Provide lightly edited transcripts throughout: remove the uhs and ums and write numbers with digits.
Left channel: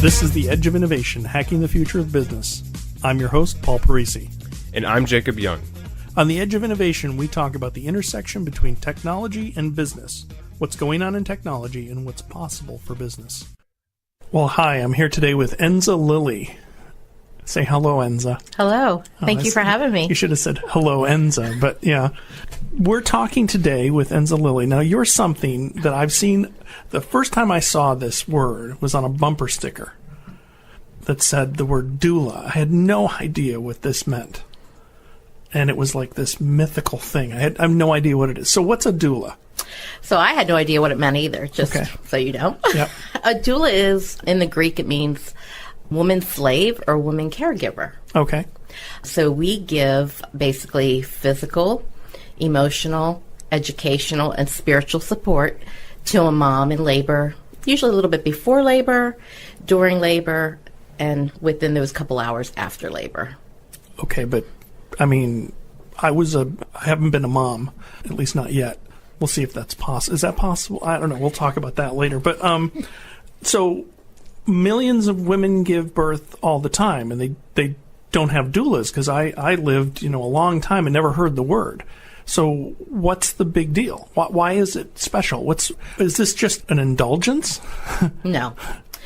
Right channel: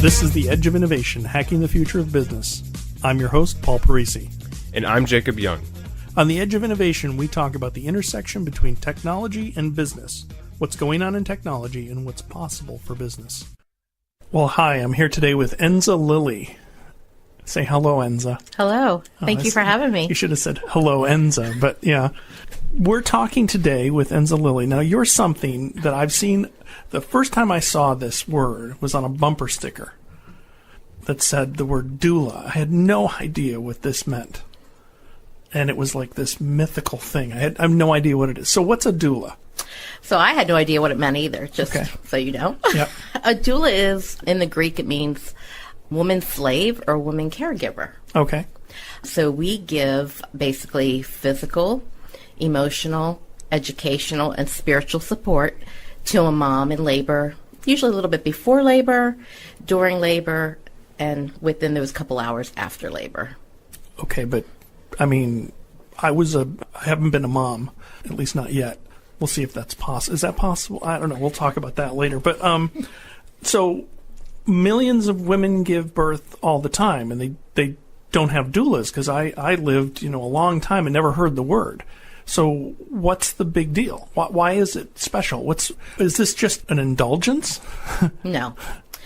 This is The Edge of Innovation, Hacking the Future of Business. I'm your host, Paul Parisi. And I'm Jacob Young. On The Edge of Innovation, we talk about the intersection between technology and business, what's going on in technology, and what's possible for business. Well, hi, I'm here today with Enza Lilley. Say hello, Enza. Hello. Thank you for having me. You should have said hello, Enza, but yeah. We're talking today with Enza Lilley. Now, you're something that I've seen. The first time I saw this word was on a bumper sticker that said the word doula. I had no idea what this meant. And it was like this mythical thing. I have no idea what it is. So what's a doula? So I had no idea what it meant either, just so you know. Yep. A doula is, in the Greek, it means woman slave or woman caregiver. Okay. So we give basically physical, emotional, educational, and spiritual support to a mom in labor, usually a little bit before labor, during labor, and within those couple hours after labor. Okay, but I mean, I haven't been a mom, at least not yet. We'll see if that's possible. Is that possible? I don't know. We'll talk about that later. But so millions of women give birth all the time, and they don't have doulas, because I lived a long time and never heard the word. So what's the big deal? Why is it special? Is this just an indulgence? No.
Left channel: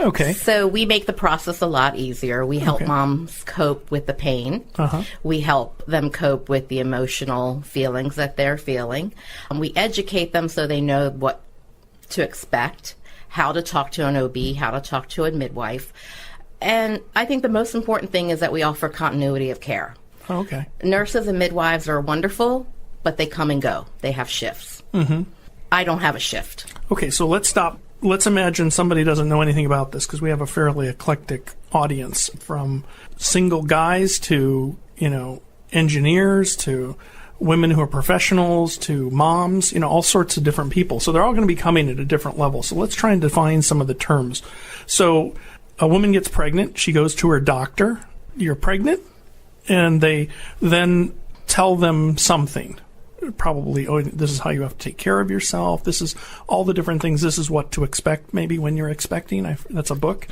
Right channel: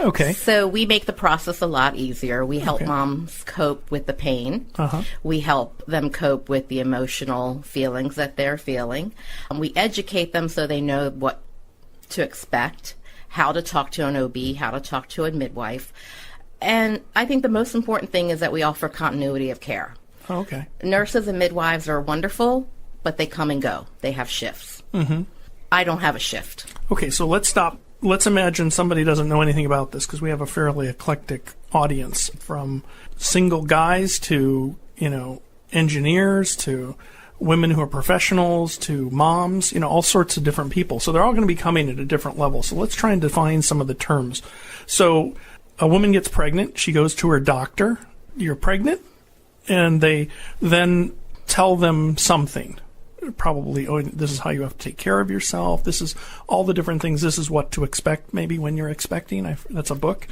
Okay. So we make the process a lot easier. We help moms cope with the pain. Uh-huh. We help them cope with the emotional feelings that they're feeling. We educate them so they know what to expect, how to talk to an OB, how to talk to a midwife. And I think the most important thing is that we offer continuity of care. Okay. Nurses and midwives are wonderful, but they come and go. They have shifts. Mm-hmm. I don't have a shift. Okay, so let's stop. Let's imagine somebody doesn't know anything about this, because we have a fairly eclectic audience, from single guys to, engineers to women who are professionals to moms, all sorts of different people. So they're all going to be coming at a different level. So let's try and define some of the terms. So a woman gets pregnant. She goes to her doctor. You're pregnant. And they then tell them something. Probably, this is how you have to take care of yourself. This is all the different things. This is what to expect maybe when you're expecting. That's a book.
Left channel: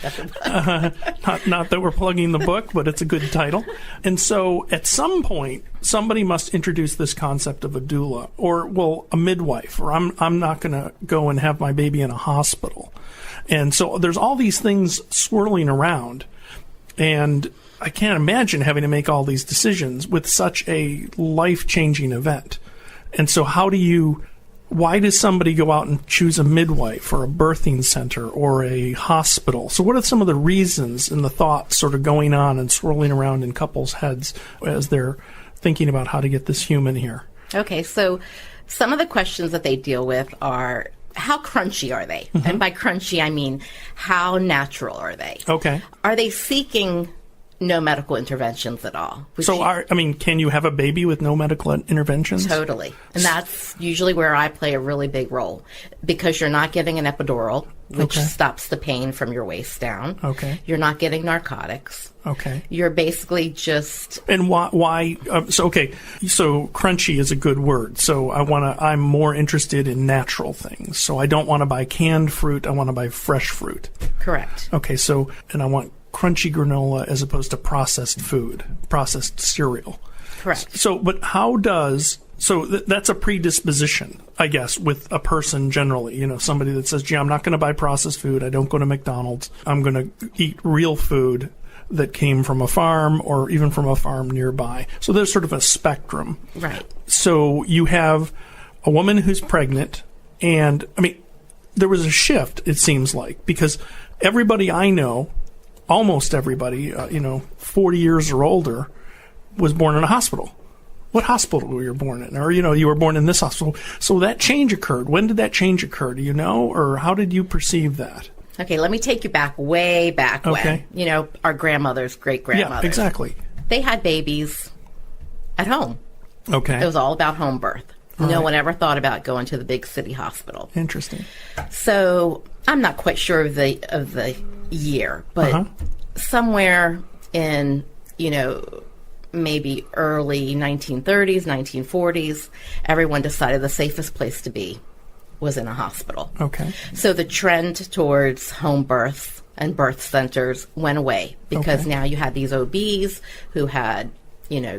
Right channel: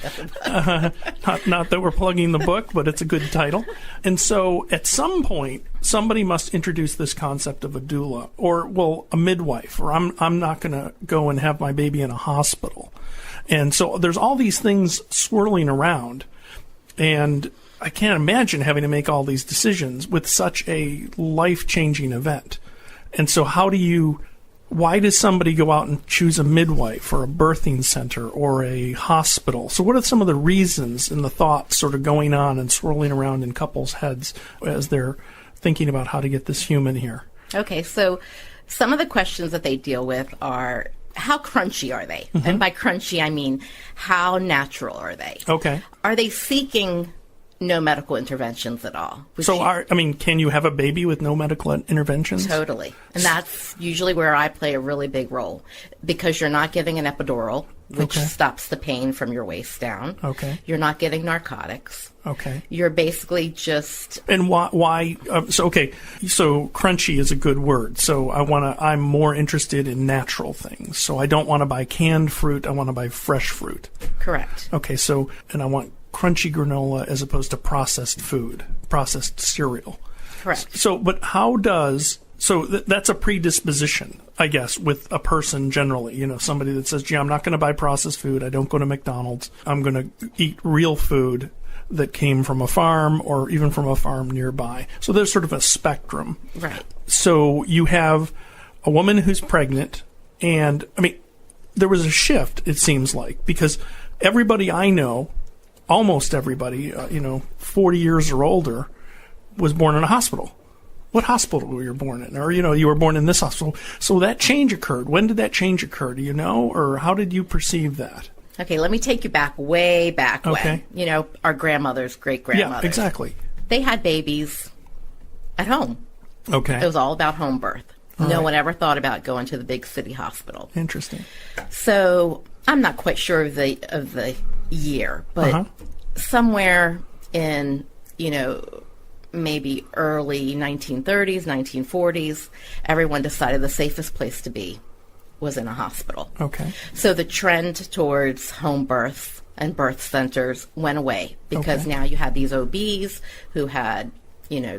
Not that we're plugging the book, but it's a good title. And so at some point, somebody must introduce this concept of a doula, or, a midwife, or I'm not going to go and have my baby in a hospital. And so there's all these things swirling around. And I can't imagine having to make all these decisions with such a life-changing event. And so why does somebody go out and choose a midwife or a birthing center or a hospital? So what are some of the reasons and the thoughts sort of going on and swirling around in couples' heads as they're thinking about how to get this human here? Okay, so some of the questions that they deal with are, how crunchy are they? Mm-hmm. And by crunchy, I mean, how natural are they? Okay. Are they seeking no medical interventions at all? So, can you have a baby with no medical interventions? Totally. And that's usually where I play a really big role, because you're not giving an epidural, which stops the pain from your waist down. Okay. You're not getting narcotics. Okay. You're basically just... And why so crunchy is a good word. So I'm more interested in natural things. So I don't want to buy canned fruit. I want to buy fresh fruit. Correct. Okay. So, and I want crunchy granola as opposed to processed food, processed cereal. Correct. So, but that's a predisposition, I guess, with a person generally. Somebody that says, gee, I'm not going to buy processed food. I don't go to McDonald's. I'm going to eat real food that came from a farm or even from a farm nearby. So there's sort of a spectrum. Right. So you have a woman who's pregnant, and, there was a shift, it seems like, because everybody I know, almost everybody, 40 years or older, was born in a hospital. What hospital were you born in? Or, you were born in this hospital. So that change occurred. When did that change occur? Do you know? Or how did you perceive that? Okay, let me take you way back when. Our grandmothers, great-grandmothers. Yeah, exactly. They had babies at home. Okay. It was all about home birth. No one ever thought about going to the big city hospital. Interesting. So I'm not quite sure of the year, but somewhere in, maybe early 1930s, 1940s, everyone decided the safest place to be was in a hospital. Okay. So the trend towards home births and birth centers went away because now you had these OBs who had,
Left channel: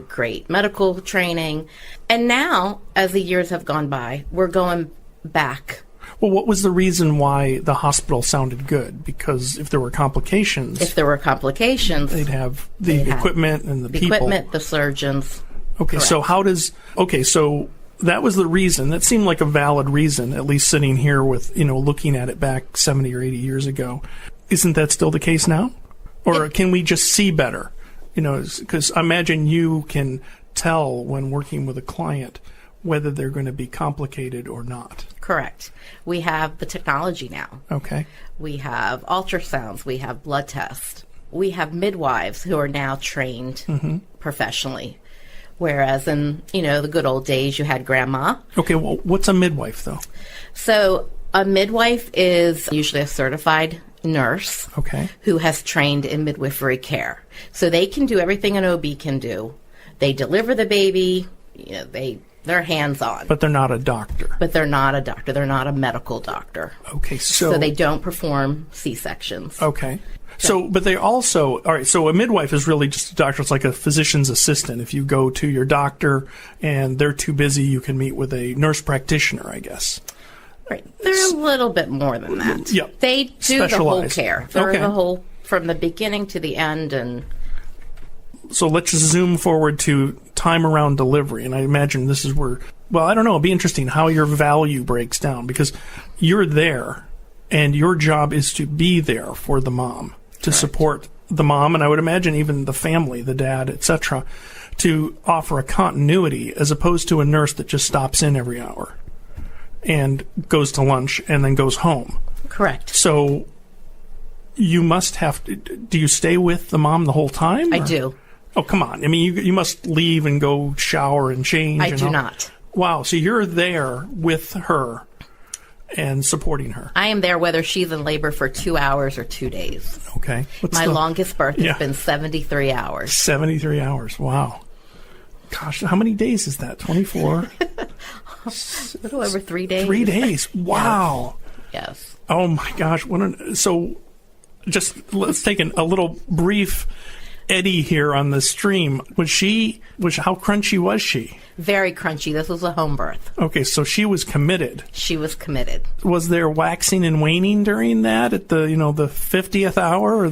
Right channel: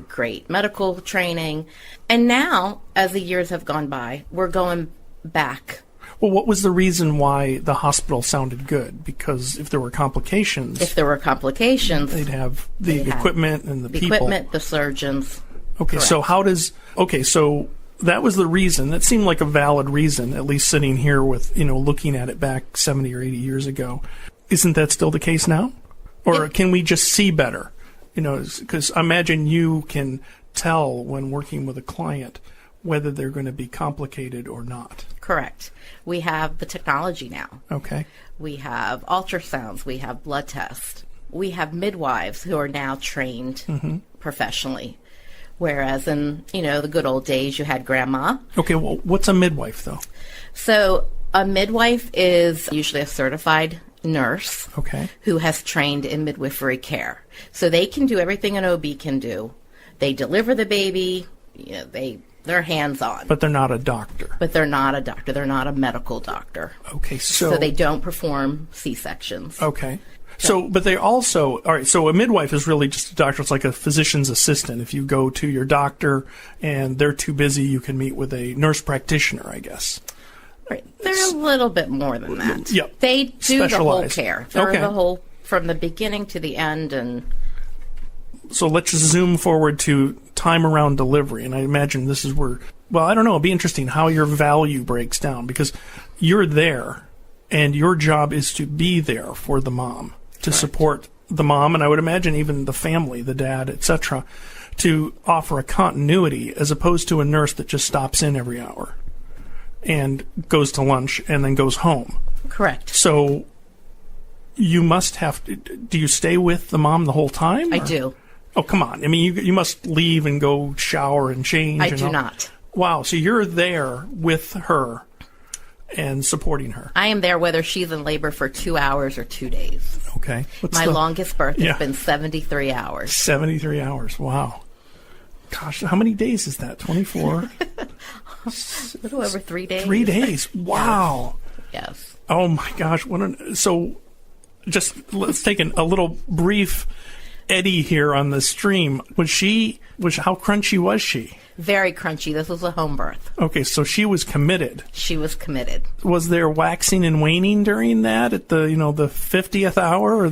great medical training. And now, as the years have gone by, we're going back. Well, what was the reason why the hospital sounded good? Because if there were complications... they'd have the equipment and the people. Equipment, the surgeons. Okay, correct. So that was the reason. That seemed like a valid reason, at least sitting here with, looking at it back 70 or 80 years ago. Isn't that still the case now? Or can we just see better? Because I imagine you can tell when working with a client whether they're going to be complicated or not. Correct. We have the technology now. Okay. We have ultrasounds. We have blood tests. We have midwives who are now trained professionally. Whereas in, the good old days, you had grandma. Okay, well, what's a midwife, though? So a midwife is usually a certified nurse who has trained in midwifery care. So they can do everything an OB can do. They deliver the baby, they're hands-on. But they're not a doctor. They're not a medical doctor. Okay, so they don't perform C-sections. Okay. So, but they also, all right, so a midwife is really just a doctor. It's like a physician's assistant. If you go to your doctor and they're too busy, you can meet with a nurse practitioner, I guess. Right. They're a little bit more than that. Yeah. They do the whole care. They're the whole, from the beginning to the end. And so let's just zoom forward to time around delivery. And I imagine this is where, well, I don't know, it'll be interesting how your value breaks down, because you're there and your job is to be there for the mom, to support the mom, and I would imagine even the family, the dad, etc., to offer a continuity as opposed to a nurse that just stops in every hour and goes to lunch and then goes home. Correct. So you must have to, do you stay with the mom the whole time? I do. Oh, come on. I mean, you must leave and go shower and change. I do not. Wow. So you're there with her and supporting her. I am there whether she's in labor for 2 hours or 2 days. Okay. My longest birth has been 73 hours. 73 hours. Wow. Gosh, how many days is that? 24? A little over 3 days. 3 days. Wow. Yes. Oh, my gosh. So just let's take a little brief Eddie here on the stream. How crunchy was she? Very crunchy. This was a home birth. Okay, so she was committed. She was committed. Was there waxing and waning during that at the, the 50th hour,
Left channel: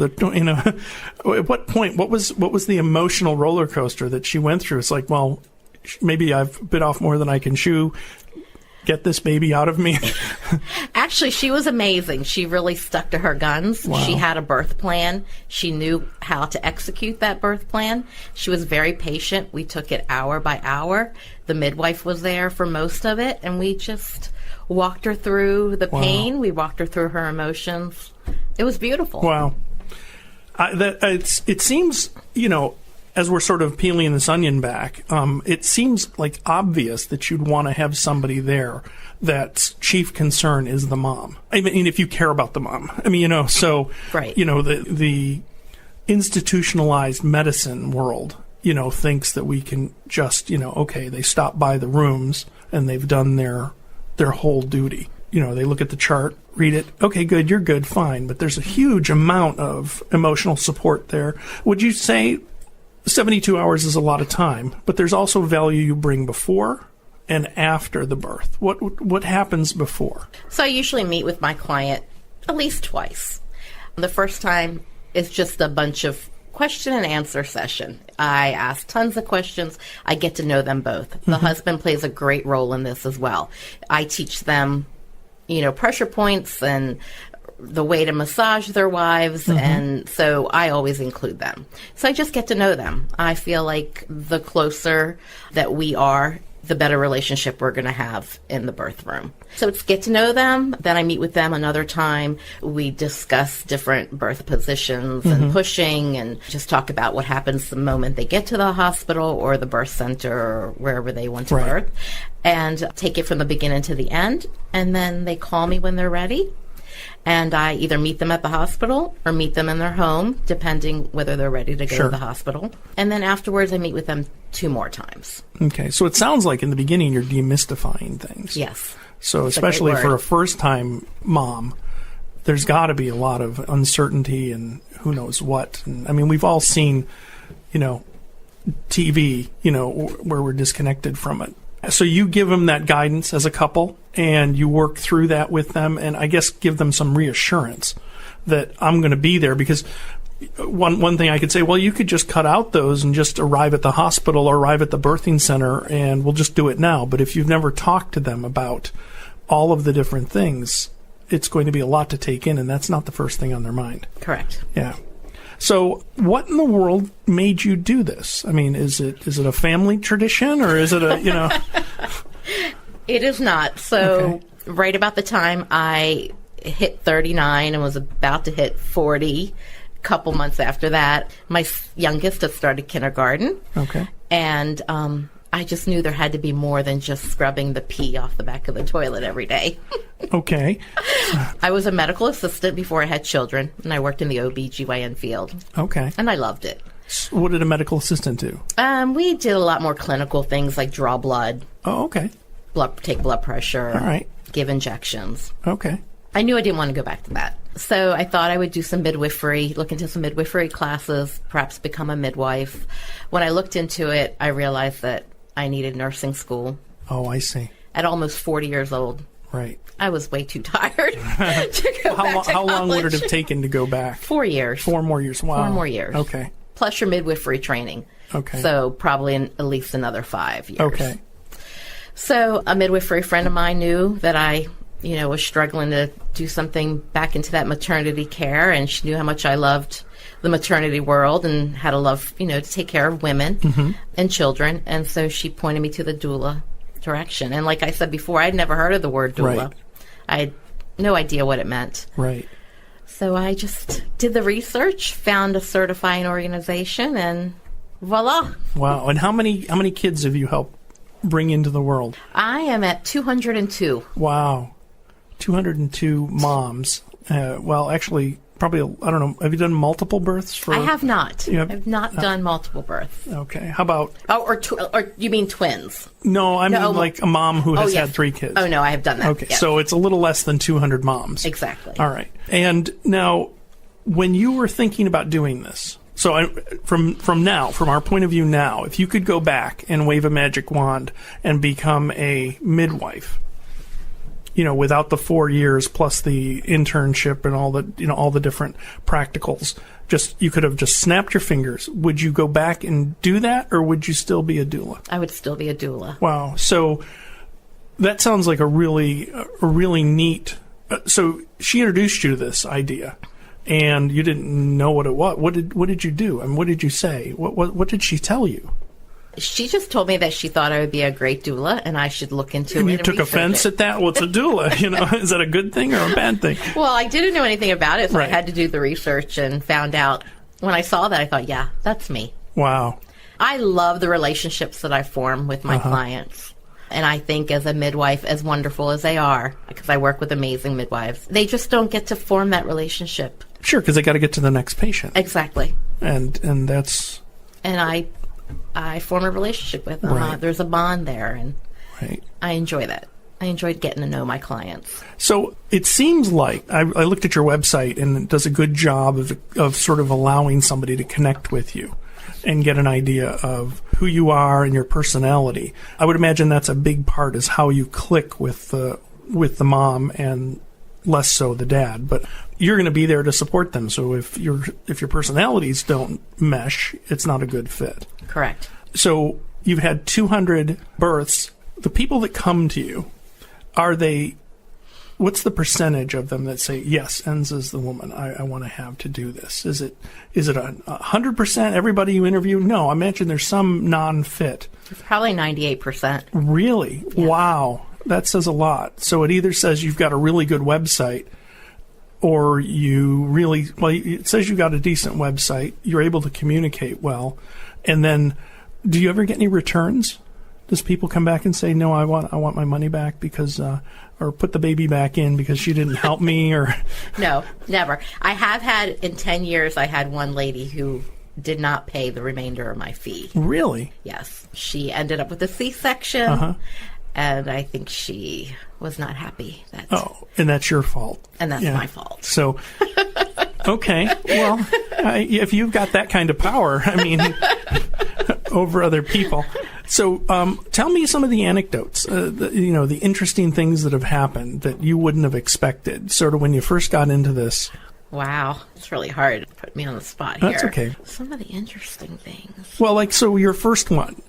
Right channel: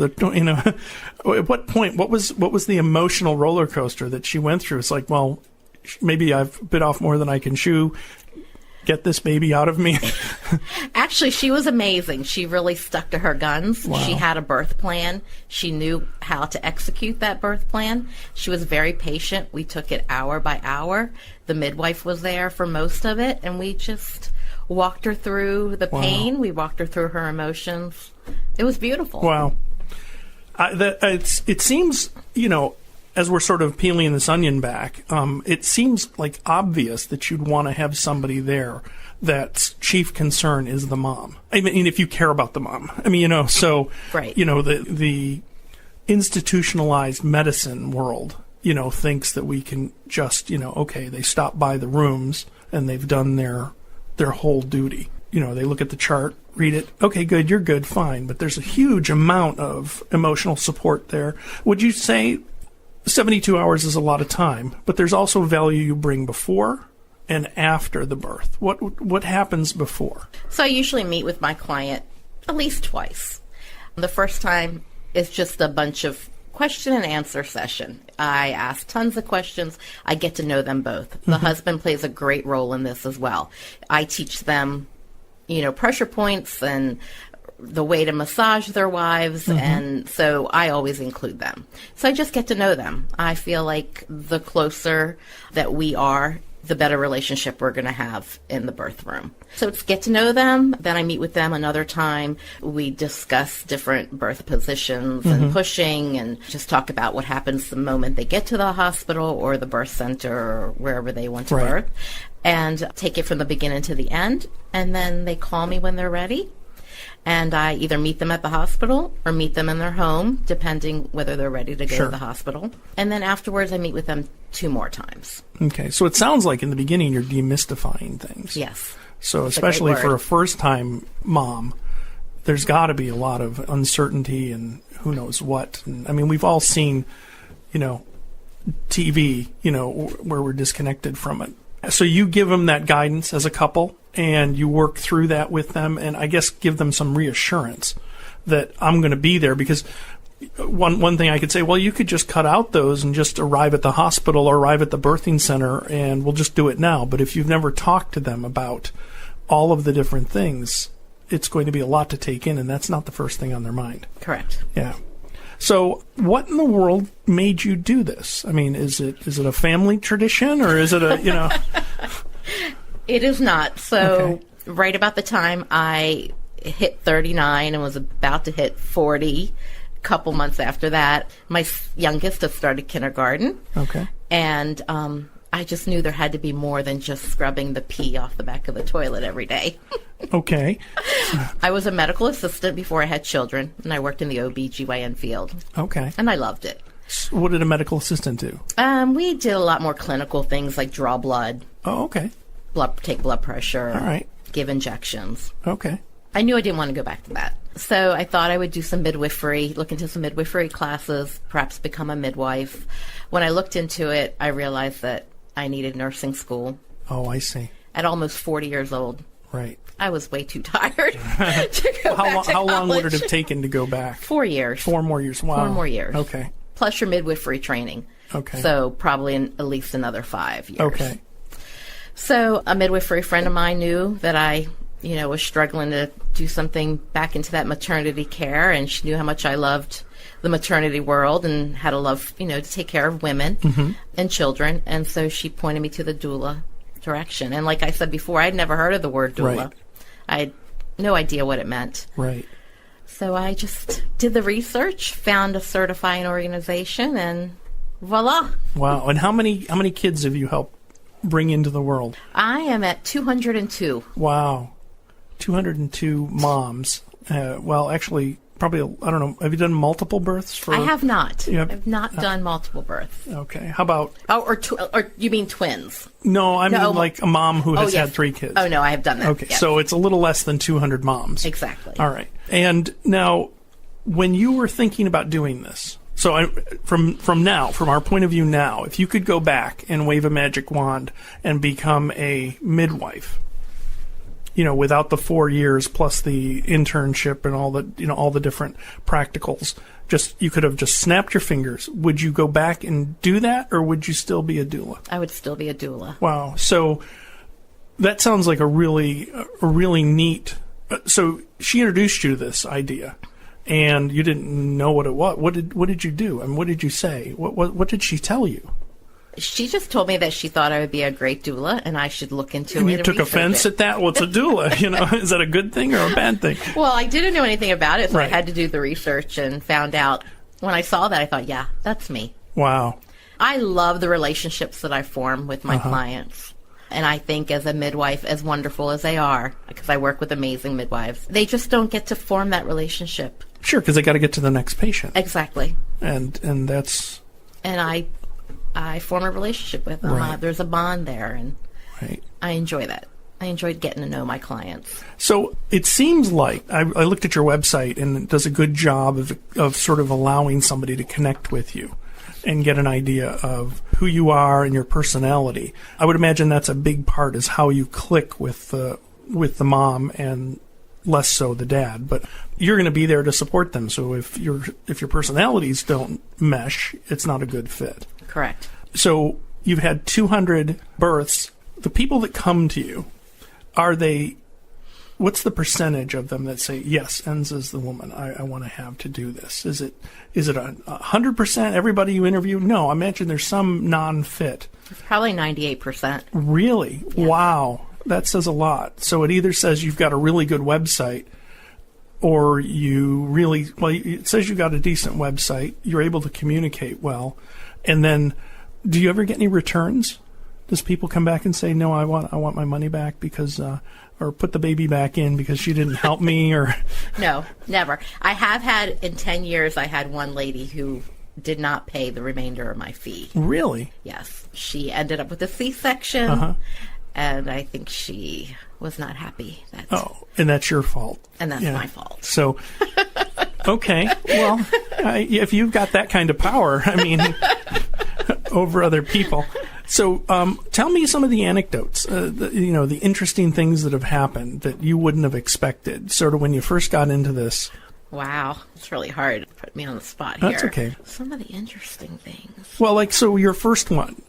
or at what point, what was the emotional roller coaster that she went through? It's like, well, maybe I've bit off more than I can chew. Get this baby out of me. Actually, she was amazing. She really stuck to her guns. Wow. She had a birth plan. She knew how to execute that birth plan. She was very patient. We took it hour by hour. The midwife was there for most of it, and we just walked her through the pain. We walked her through her emotions. It was beautiful. Wow. It seems, as we're sort of peeling this onion back, it seems like obvious that you'd want to have somebody there that's chief concern is the mom. I mean, if you care about the mom. I mean, right. The institutionalized medicine world, thinks that we can just, they stop by the rooms and they've done their whole duty. They look at the chart, read it. Okay, good, you're good, fine. But there's a huge amount of emotional support there. Would you say 72 hours is a lot of time, but there's also value you bring before and after the birth? What happens before? So I usually meet with my client at least twice. The first time is just a bunch of question and answer session. I ask tons of questions. I get to know them both. The husband plays a great role in this as well. I teach them, pressure points and the way to massage their wives, and so I always include them. So I just get to know them. I feel like the closer that we are, the better relationship we're going to have in the birth room. So it's get to know them. Then I meet with them another time. We discuss different birth positions and pushing, and just talk about what happens the moment they get to the hospital or the birth center or wherever they want to birth, and take it from the beginning to the end. And then they call me when they're ready. And I either meet them at the hospital or meet them in their home, depending whether they're ready to go to the hospital. And then afterwards, I meet with them 2 more times. Okay. So it sounds like in the beginning you're demystifying things. Yes. So especially for a first-time mom, there's got to be a lot of uncertainty and who knows what. And, I mean, we've all seen, TV, where we're disconnected from it. So you give them that guidance as a couple, and you work through that with them, and I guess give them some reassurance that I'm going to be there. Because one thing I could say, well, you could just cut out those and just arrive at the hospital or arrive at the birthing center, and we'll just do it now. But if you've never talked to them about all of the different things, it's going to be a lot to take in, and that's not the first thing on their mind. Correct. Yeah. So what in the world made you do this? I mean, is it a family tradition, or is it It is not. So right about the time I hit 39 and was about to hit 40, a couple months after that, my youngest had started kindergarten. Okay. And I just knew there had to be more than just scrubbing the pee off the back of the toilet every day. Okay. I was a medical assistant before I had children, and I worked in the OB/GYN field. Okay. And I loved it. So what did a medical assistant do? We did a lot more clinical things like draw blood. Oh, okay. Take blood pressure. All right. Give injections. Okay. I knew I didn't want to go back to that. So I thought I would do some midwifery, look into some midwifery classes, perhaps become a midwife. When I looked into it, I realized that I needed nursing school. Oh, I see. At almost 40 years old. Right. I was way too tired to go back to How long would it college. have taken to go back? 4 years. 4 more years. Wow. 4 more years. Okay. Plus your midwifery training. Okay. So probably at least another 5 years. Okay. So a midwifery friend of mine knew that I, was struggling to do something back into that maternity care, and she knew how much I loved the maternity world and had a love, to take care of women and children. And so she pointed me to the doula direction. And like I said before, I'd never heard of the word doula. Right. I had no idea what it meant. Right. So I just did the research, found a certifying organization, and voila. Wow. And how many kids have you helped bring into the world? I am at 202. Wow. 202 moms. Well, actually, probably, I don't know, have you done multiple births? I have not. You have- I've not done multiple births. Okay. How about... Oh, or you mean twins? No, I mean like a mom who has yes. had 3 kids. Oh, no, I have done that. Okay, yes. so it's a little less than 200 moms. Exactly. All right. And now, when you were thinking about doing this, so from our point of view now, if you could go back and wave a magic wand and become a midwife, without the 4 years plus the internship and all the different practicals, you could have just snapped your fingers. Would you go back and do that, or would you still be a doula? I would still be a doula. Wow. So that sounds like a really neat. So she introduced you to this idea, and you didn't know what it was. What did you do? And what did you say? What did she tell you? She just told me that she thought I would be a great doula, and I should look into it. And you and took offense at that? What's a doula? Is that a good thing or a bad thing? Well, I didn't know anything about it, so Right. I had to do the research and found out. When I saw that, I thought, yeah, that's me. Wow. I love the relationships that I form with my clients. And I think as a midwife, as wonderful as they are, because I work with amazing midwives, they just don't get to form that relationship. Sure, because they got to get to the next patient. Exactly. And that's... And I form a relationship with them. Right. There's a bond there, and Right. I enjoy that. I enjoyed getting to know my clients. So it seems like I looked at your website, and it does a good job of sort of allowing somebody to connect with you and get an idea of who you are and your personality. I would imagine that's a big part, is how you click with the mom and less so the dad. But you're going to be there to support them. So if your personalities don't mesh, it's not a good fit. Correct. So you've had 200 births. The people that come to you, what's the percentage of them that say, yes, Enza's the woman I want to have to do this? Is it 100% everybody you interview? No, I imagine there's some non-fit. It's probably 98%. Really? Yeah. Wow. That says a lot. So it either says you've got a really good website, or it says you got a decent website, you're able to communicate well, and then do you ever get any returns? Does people come back and say, no, I want my money back because, or put the baby back in because she didn't help me, or? No, never. I have had, in 10 years, I had one lady who did not pay the remainder of my fee. Really? Yes. She ended up with a C-section, And I think she was not happy. And that's your fault. And that's my fault. So, okay. Well, if you've got that kind of power, I mean, over other people. So, tell me some of the anecdotes, the interesting things that have happened that you wouldn't have expected, sort of when you first got into this. Wow. It's really hard to put me on the spot here. That's okay. Some of the interesting things. Well, so your first one,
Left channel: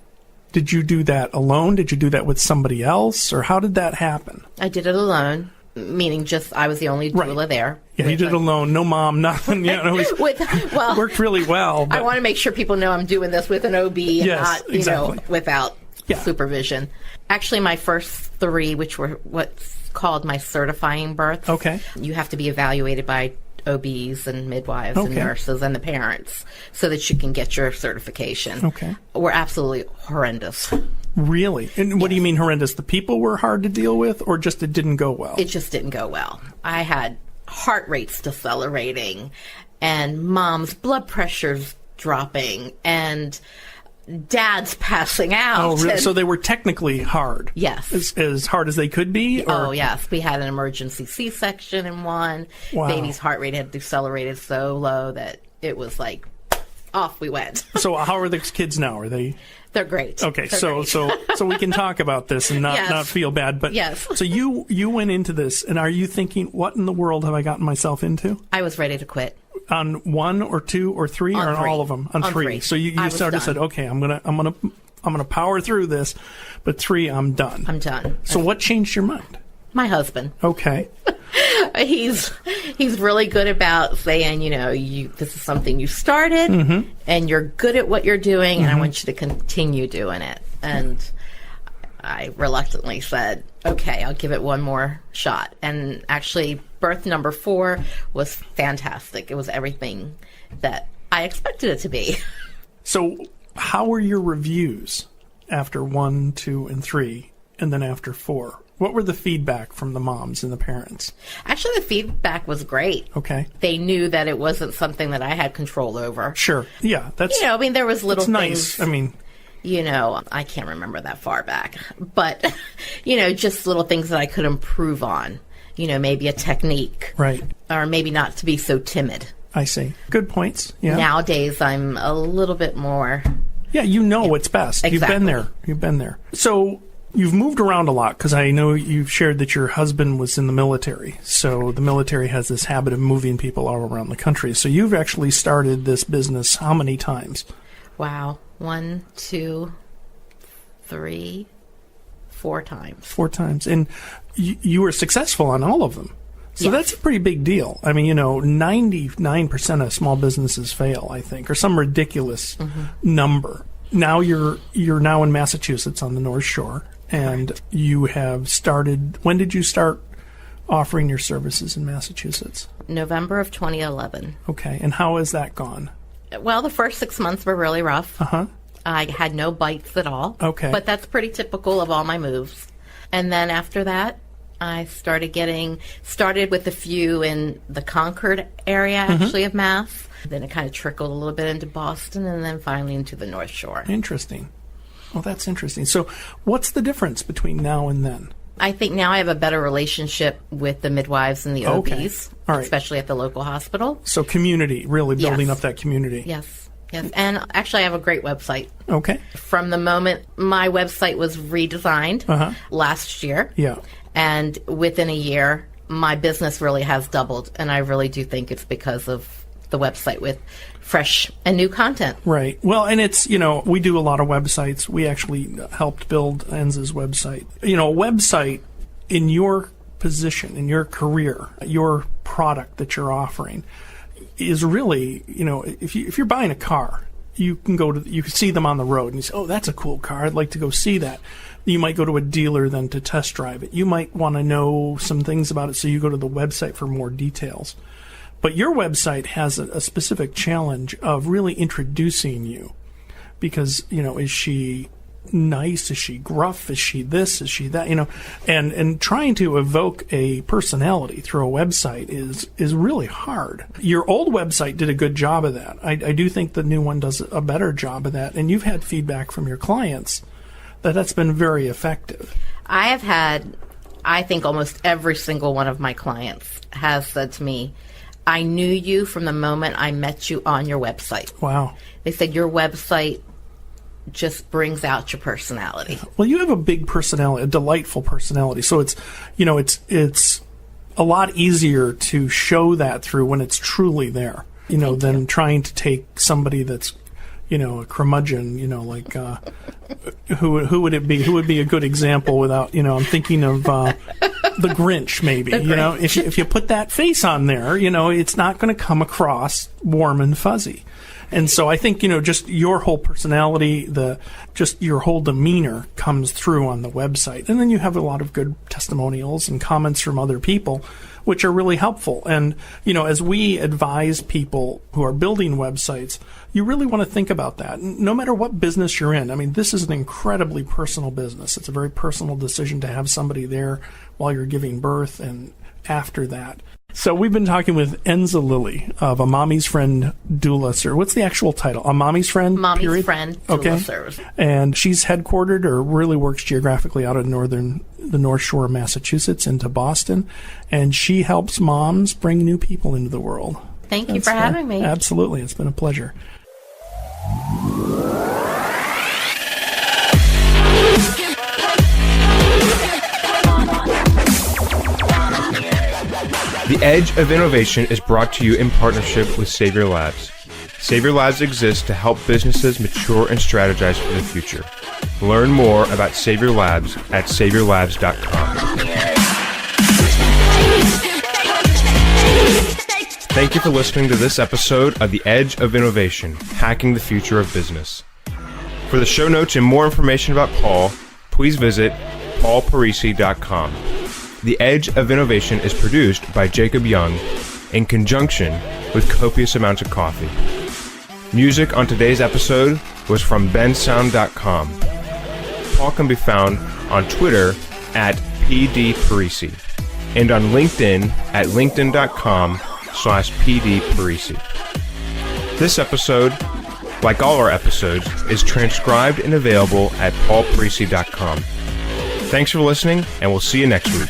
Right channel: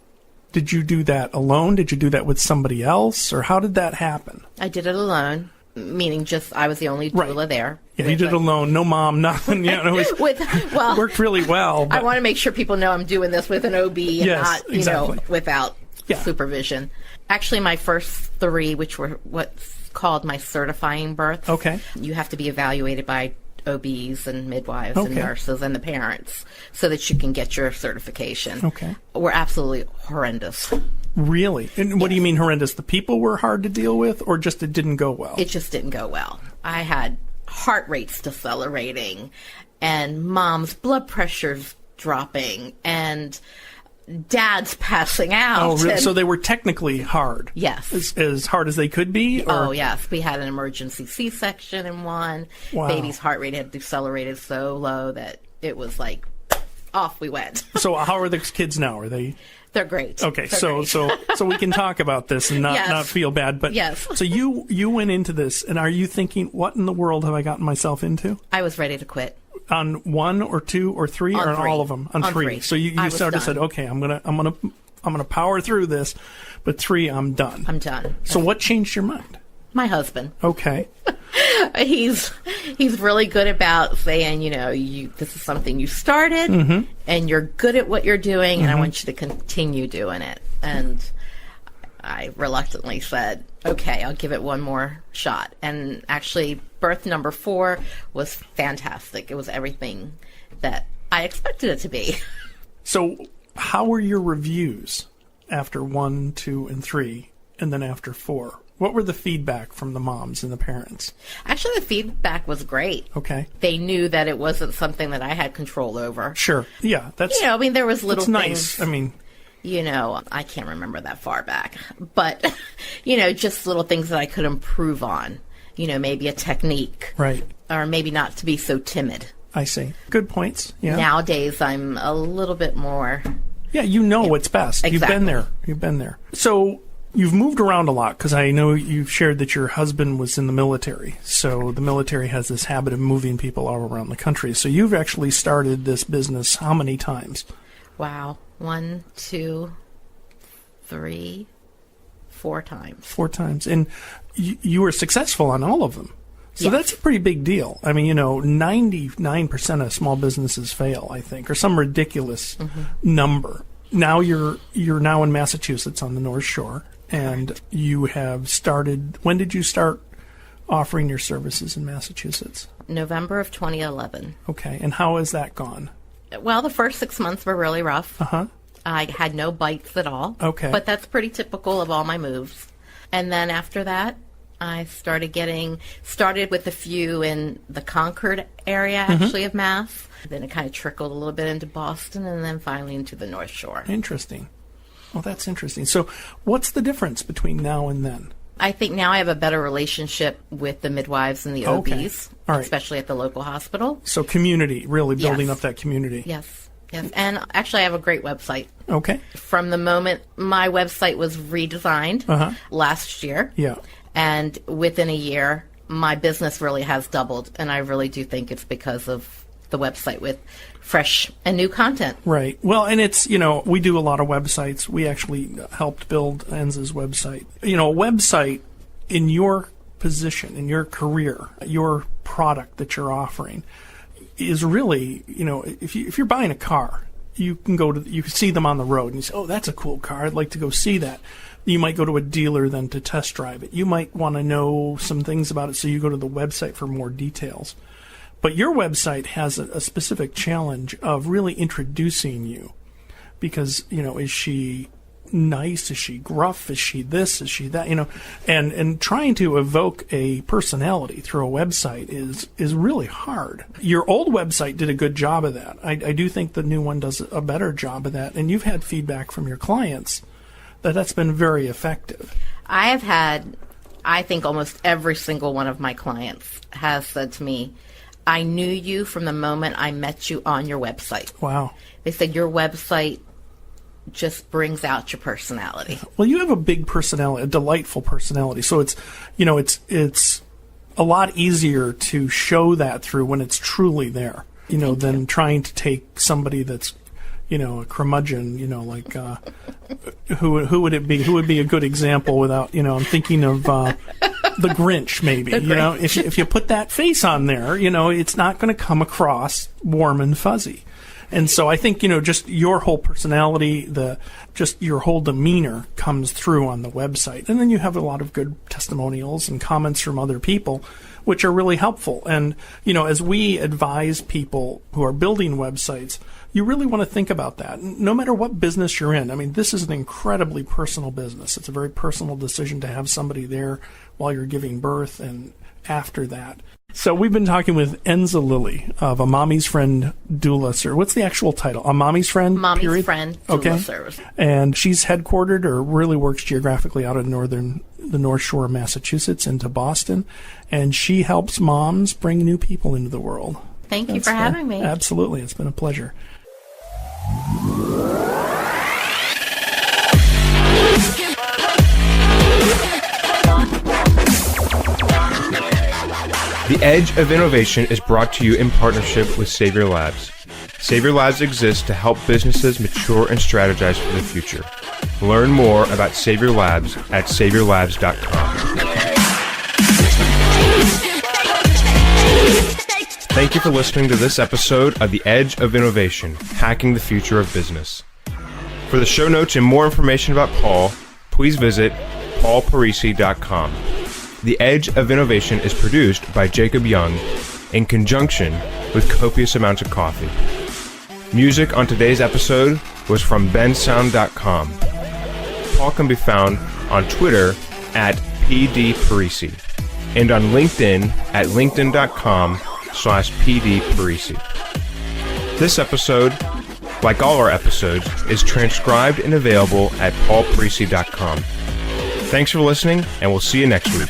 did you do that alone? Did you do that with somebody else? Or how did that happen? I did it alone, meaning just I was the only doula there. Yeah, you did it alone. No mom, nothing. Worked really well. But... I want to make sure people know I'm doing this with an OB and not, exactly. Without supervision. Actually, my first 3, which were what's called my certifying births. Okay. You have to be evaluated by OBs and midwives and nurses and the parents so that you can get your certification. Okay. Were absolutely horrendous. Really? And what do you mean horrendous? The people were hard to deal with, or just it didn't go well? It just didn't go well. I had heart rates decelerating and mom's blood pressures dropping and dad's passing out. Oh, really? So they were technically hard? Yes. As hard as they could be? Or? Oh, yes. We had an emergency C-section in one. Wow. Baby's heart rate had decelerated so low that it was like, off we went. So how are the kids now? Are they... They're great. Okay, They're so we can talk about this and not feel bad. But yes. So you went into this, and are you thinking, what in the world have I gotten myself into? I was ready to quit. On 1 or 2 or 3 or on 3. all of them? On 3. So you started done. Said, okay, I'm gonna power through this, but 3, I'm done. I'm done. So what changed your mind? My husband. Okay. He's really good about saying, this is something you started and you're good at what you're doing and I want you to continue doing it. And I reluctantly said, okay, I'll give it one more shot. And actually, birth number 4 was fantastic. It was everything that I expected it to be. So how were your reviews after 1, 2, and 3, and then after 4? What were the feedback from the moms and the parents? Actually, the feedback was great. Okay. They knew that it wasn't something that I had control over. Sure. Yeah. That's. There was little things. Nice. I mean. I can't remember that far back. But, just little things that I could improve on. Maybe a technique. Right. Or maybe not to be so timid. I see. Good points. Yeah. Nowadays, I'm a little bit more. Yeah, what's best. Exactly. You've been there. So you've moved around a lot because I know you've shared that your husband was in the military. So the military has this habit of moving people all around the country. So you've actually started this business how many times? Wow. 1, 2, 3, 4 times. 4 times. And you were successful on all of them. So that's a pretty big deal. I mean, 99% of small businesses fail, I think, or some ridiculous number. Now you're now in Massachusetts on the North Shore, and you have started. When did you start offering your services in Massachusetts? November of 2011. Okay, and how has that gone? Well, the first 6 months were really rough. I had no bites at all. Okay, but that's pretty typical of all my moves. And then after that, I started with a few in the Concord area, actually, of Mass. Then it kind of trickled a little bit into Boston, and then finally into the North Shore. Interesting. Well, that's interesting. So what's the difference between now and then? I think now I have a better relationship with the midwives and the OBs, All right. Especially at the local hospital. So community, really building up that community. Yes. And actually, I have a great website. Okay. From the moment my website was redesigned last year. Yeah. And within a year, my business really has doubled. And I really do think it's because of the website with fresh and new content. Right. Well, and it's, we do a lot of websites. We actually helped build Enza's website. A website in your position, in your career, your product that you're offering is really, if you're buying a car, you can see them on the road and you say, oh, that's a cool car. I'd like to go see that. You might go to a dealer then to test drive it. You might want to know some things about it, so you go to the website for more details. But your website has a specific challenge of really introducing you because, is she nice? Is she gruff? Is she this? Is she that? And trying to evoke a personality through a website is really hard. Your old website did a good job of that. I do think the new one does a better job of that. And you've had feedback from your clients that's been very effective. I have had, I think almost every single one of my clients has said to me, I knew you from the moment I met you on your website. Wow. They said your website just brings out your personality. Well, you have a big personality, a delightful personality. So it's, it's a lot easier to show that through when it's truly there, than trying to take somebody that's, a curmudgeon, like, who would it be? Who would be a good example without, I'm thinking of, the Grinch, maybe, if you put that face on there, it's not going to come across warm and fuzzy. And so I think, just your whole personality, just your whole demeanor comes through on the website. And then you have a lot of good testimonials and comments from other people, which are really helpful. And, as we advise people who are building websites, you really want to think about that. No matter what business you're in. I mean, this is an incredibly personal business. It's a very personal decision to have somebody there while you're giving birth and after that. So we've been talking with Enza Lilley of A Mommy's Friend Doula Service. What's the actual title? A Mommy's Friend? Mommy's Friend Doula Service. And she's headquartered or really works geographically out of the North Shore of Massachusetts into Boston. And she helps moms bring new people into the world. Thank you for having me. Absolutely. It's been a pleasure. The Edge of Innovation is brought to you in partnership with Savior Labs. Savior Labs exists to help businesses mature and strategize for the future. Learn more about Savior Labs at saviorlabs.com. Thank you for listening to this episode of The Edge of Innovation, Hacking the Future of Business. For the show notes and more information about Paul, please visit paulparisi.com. The Edge of Innovation is produced by Jacob Young in conjunction with copious amounts of coffee. Music on today's episode was from bensound.com. Paul can be found on Twitter at pdparisi and on LinkedIn at linkedin.com/pdparisi. This episode, like all our episodes, is transcribed and available at paulparisi.com. Thanks for listening, and we'll see you next week.